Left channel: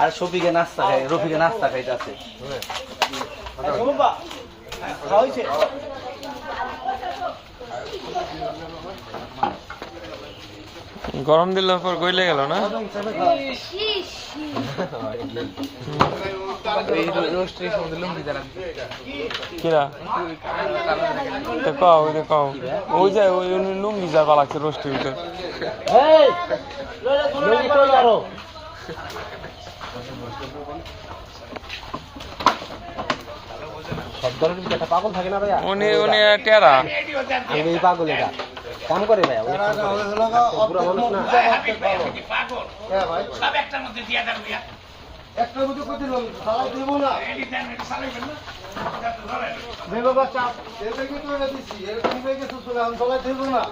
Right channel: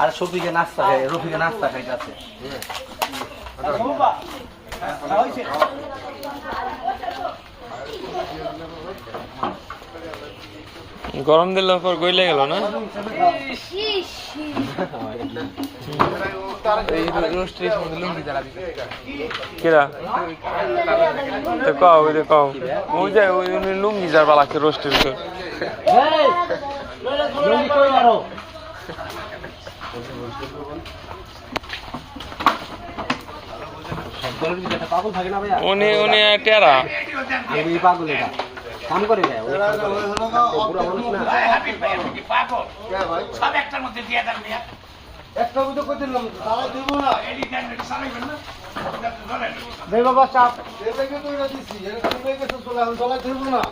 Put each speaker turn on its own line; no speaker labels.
আর শফিকে নাস্তা খাই রফিকে নাস্তা খাইতেছে।
গরম দিলে পর গইলে গেল না? কিরা? কও ওই যে কও। ওই যে ওই উনি লুঙ্গি যার বালা লাগছে রোস্টের ভিতর। উনি উনি টেরা।
আমি এই পাগল এটা কাম করে। ভাইয়া পুরো মানুষ না।
একটার মধ্যে কই দিলাম? সারাই দেবো না। দে বাবা চাপ এটাকে তো এটা দিছি। এটা তুমি গেছো চলে আমি গলায় দেবো না।